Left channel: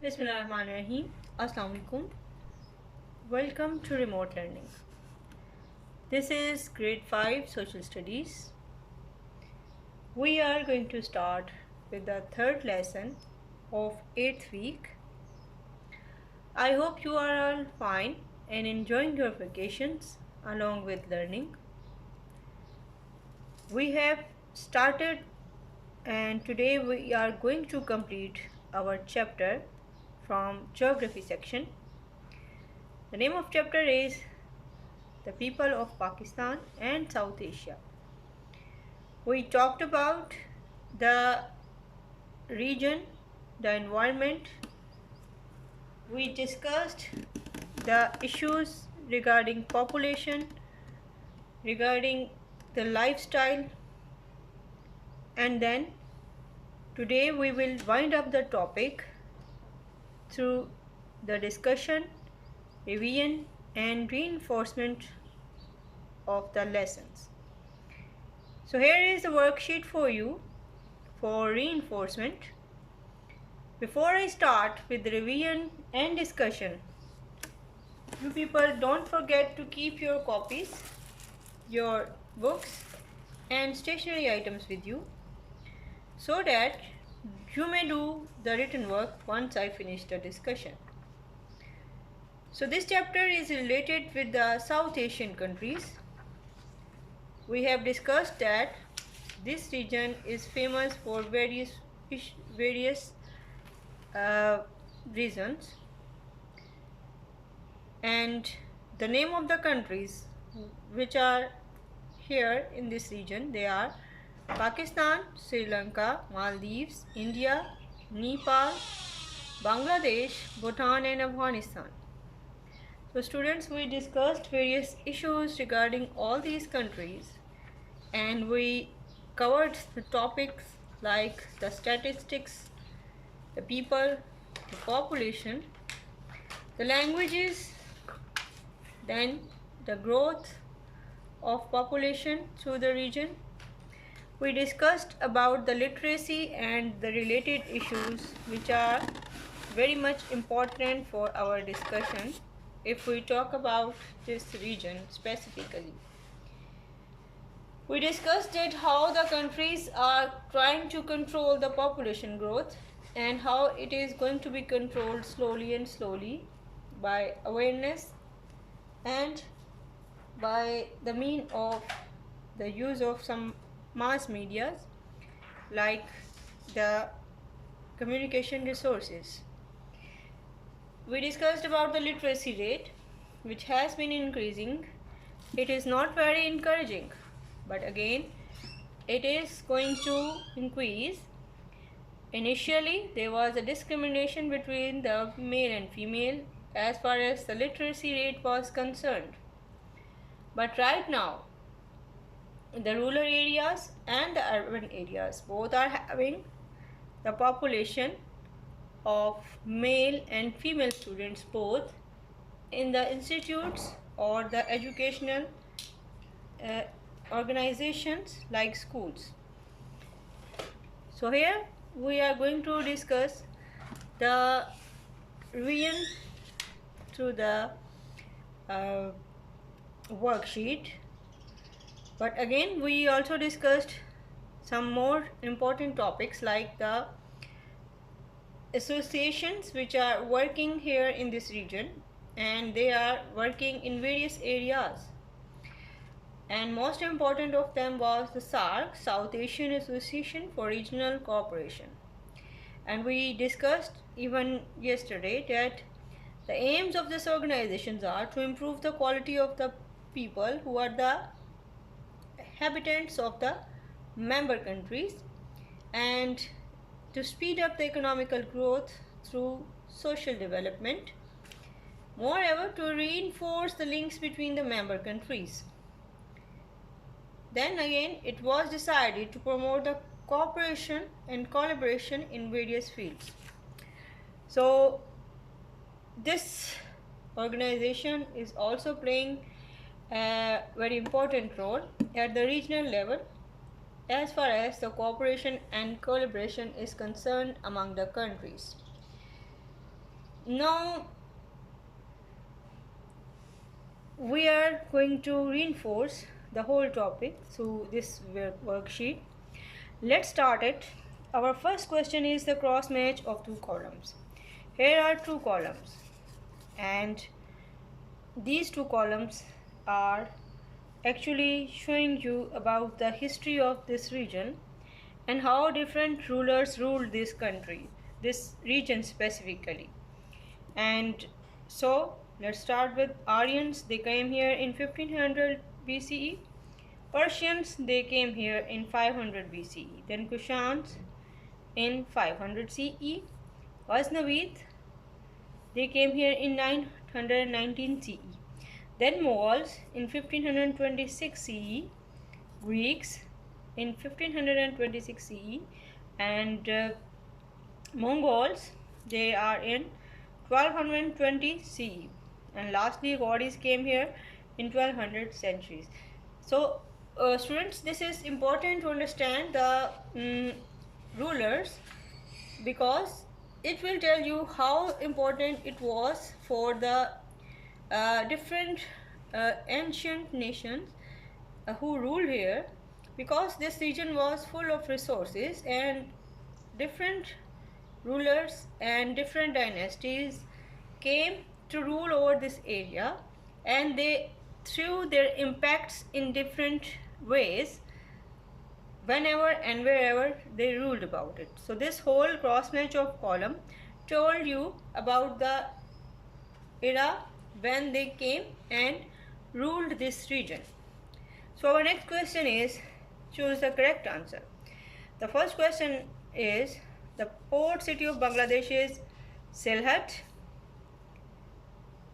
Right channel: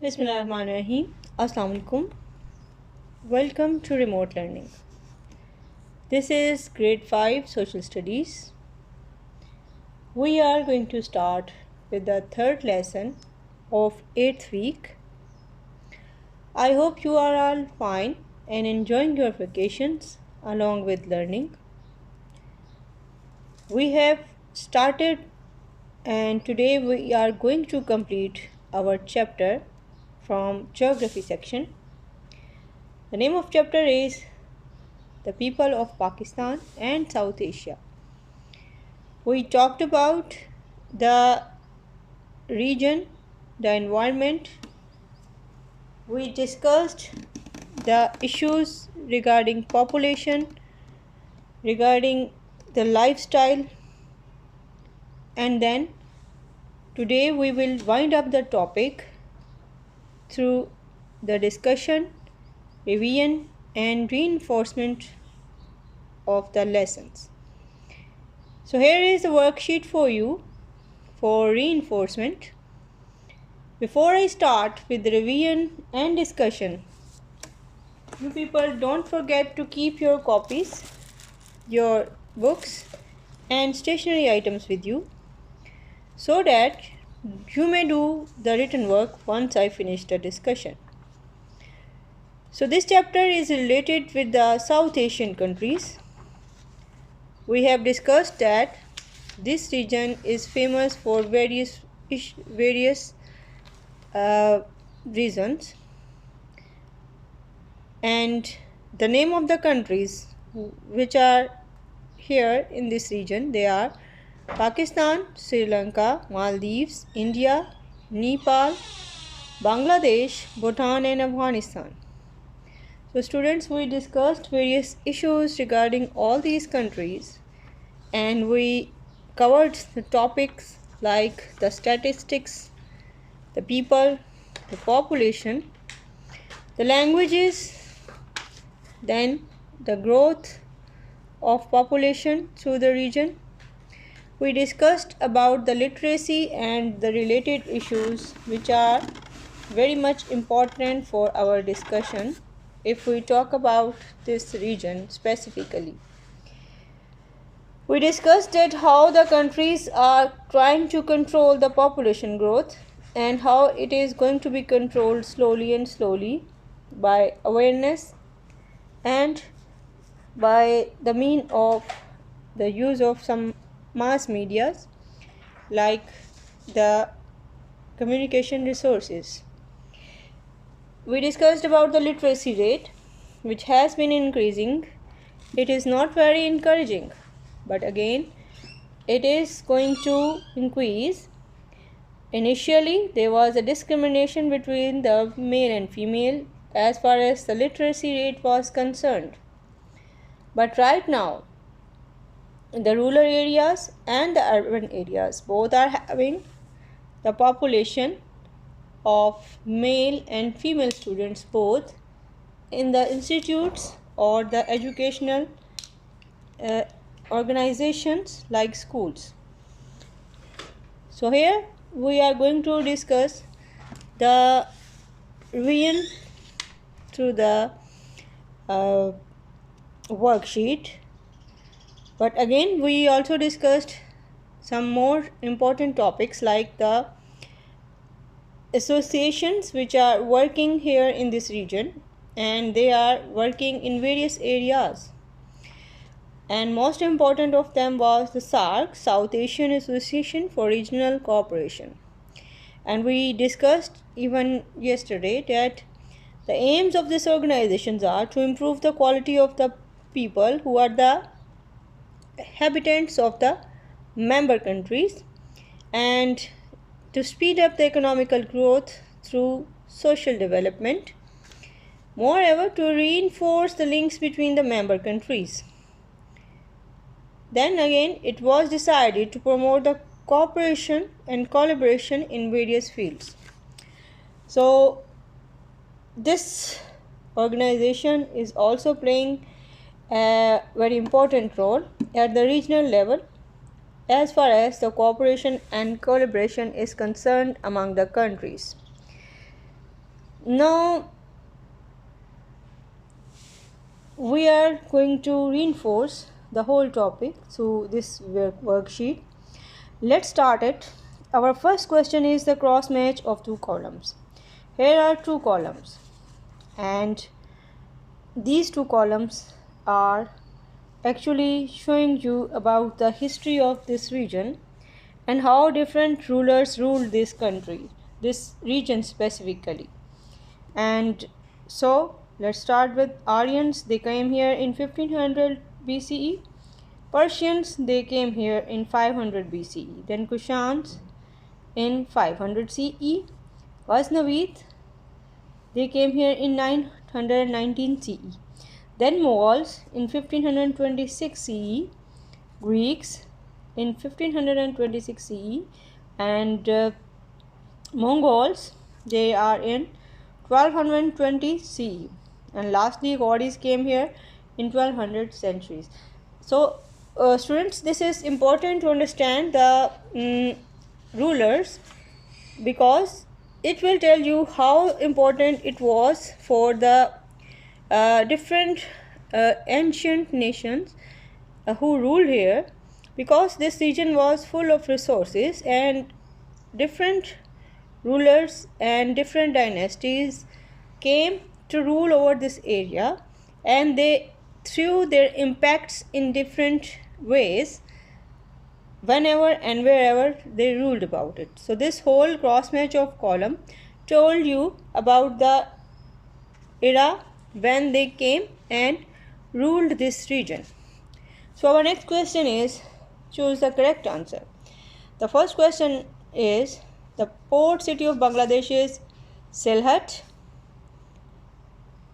Bismillahirrahmanirrahim. Assalamu alaikum. Welcome to remote learning. This is grade 5 social studies. We are going to start with the third lesson of 8th week. I hope you are all fine and enjoying your vacations along with learning. We have started and today we are going to complete our chapter from geography section. The name of chapter is The People of Pakistan and South Asia. We talked about the region, the environment. We discussed the issues regarding population, regarding the lifestyle, and then today we will wind up the topic through the discussion, revision, and reinforcement of the lessons. So here is the worksheet for you for reinforcement. Before I start with the revision and discussion, you people don't forget to keep your copies, your books and stationery items with you so that you may do the written work once I finish the discussion. So this chapter is related with the South Asian countries. We have discussed that this region is famous for various reasons, and the name of the countries which are here in this region, they are Pakistan, Sri Lanka, Maldives, India, Nepal, Bangladesh, Bhutan and Afghanistan. So students, we discussed various issues regarding all these countries and we covered the topics like the statistics, the people, the population, the languages, then the growth of population through the region. We discussed about the literacy and the related issues which are very much important for our discussion if we talk about this region specifically. We discussed that how the countries are trying to control the population growth and how it is going to be controlled slowly by awareness and by the mean of the use of some mass medias like the communication resources. We discussed about the literacy rate which has been increasing. It is not very encouraging, but again it is going to increase. Initially there was a discrimination between the male and female as far as the literacy rate was concerned, but right now the rural areas and the urban areas both are having the population of male and female students both in the institutes or the educational organizations like schools. So here we are going to discuss the revision through the worksheet, but again we also discussed some more important topics like the associations which are working here in this region and they are working in various areas, and most important of them was the SAARC, South Asian Association for Regional Cooperation. And we discussed even yesterday that the aims of these organizations are to improve the quality of the people who are the inhabitants of the member countries and to speed up the economical growth through social development. Moreover, to reinforce the links between the member countries. Then again, it was decided to promote the cooperation and collaboration in various fields. So this organization is also playing a very important role at the regional level as far as the cooperation and collaboration is concerned among the countries. Now we are going to reinforce the whole topic through this worksheet. Let's start it. Our first question is the cross match of two columns. Here are two columns, and these two columns are actually showing you about the history of this region and how different rulers ruled this country, this region specifically. And so let's start with Aryans. They came here in 1500 BCE. Persians, they came here in 500 BCE. Then Kushans in 500 CE. Ghaznavid, they came here in 919 CE. Then Mughals in 1526 CE. Greeks in 1526 CE. And Mongols, they are in 1220 CE. And lastly, Gauris came here in 1200 centuries. So students, this is important to understand the rulers, because it will tell you how important it was for the different ancient nations who ruled here, because this region was full of resources and different rulers and different dynasties came to rule over this area, and they threw their impacts in different ways whenever and wherever they ruled about it. So this whole cross match of column told you about the era when they came and ruled this region. So our next question is, choose the correct answer. The first question is, the port city of Bangladesh is Sylhet,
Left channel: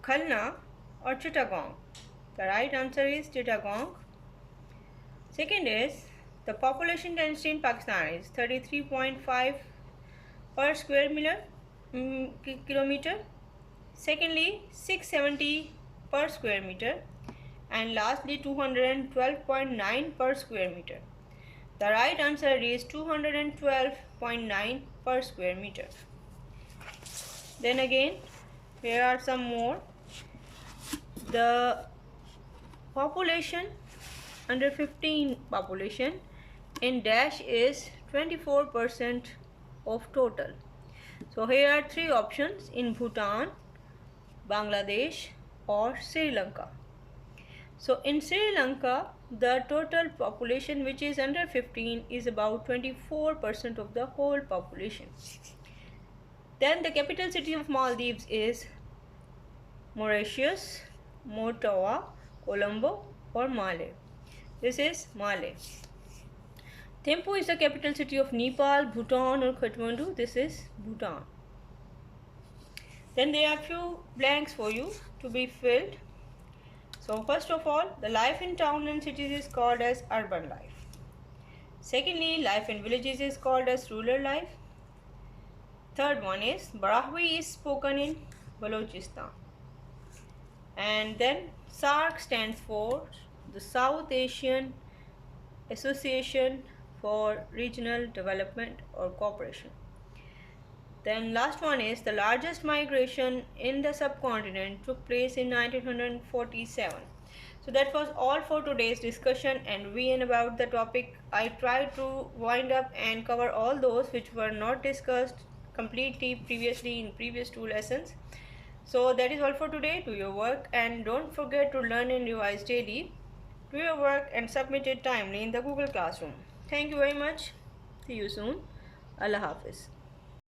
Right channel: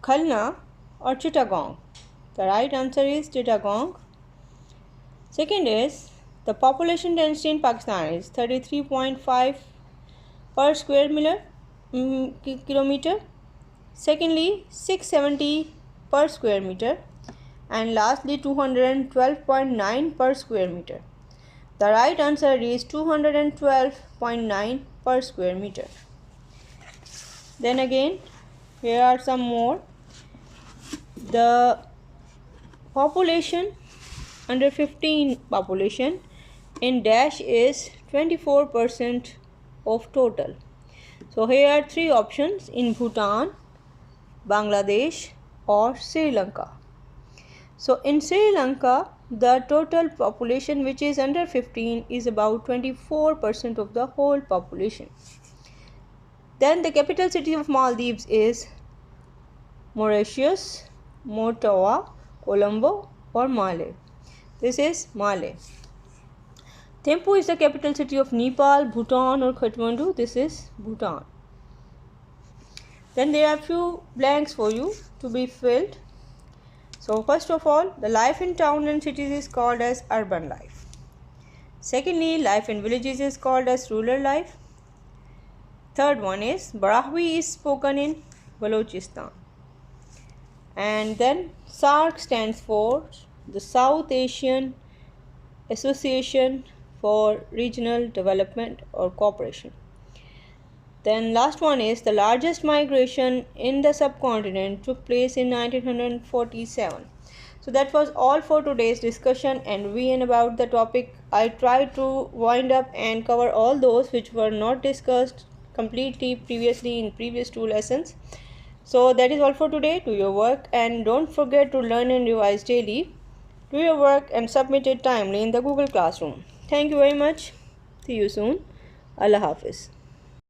Khalna or Chittagong. The right answer is Chittagong. Second is, the population density in Pakistan is 33.5 per square kilometer. Secondly, 670 per square meter. And lastly, 212.9 per square meter. The right answer is 212.9 per square meter. Then again, here are some more. The population, under 15 population in Dash is 24% of total. So here are three options: in Bhutan, Bangladesh or Sri Lanka. So in Sri Lanka, the total population which is under 15 is about 24% of the whole population. Then the capital city of Maldives is Mauritius, Motawa, Colombo or Male. This is Male. Thimphu is the capital city of Nepal, Bhutan or Kathmandu. This is Bhutan. Then there are few blanks for you to be filled. So first of all, the life in town and cities is called as urban life. Secondly, life in villages is called as rural life. Third one is Brahvi is spoken in Balochistan. And then SAARC stands for the South Asian Association for Regional Development or Cooperation. Then last one is the largest migration in the subcontinent took place in 1947. So that was all for today's discussion and about the topic. I tried to wind up and cover all those which were not discussed completely previously in previous two lessons. So that is all for today. Do your work and don't forget to learn and revise daily. Do your work and submit it timely in the Google Classroom. Thank you very much. See you soon. Allah Hafiz.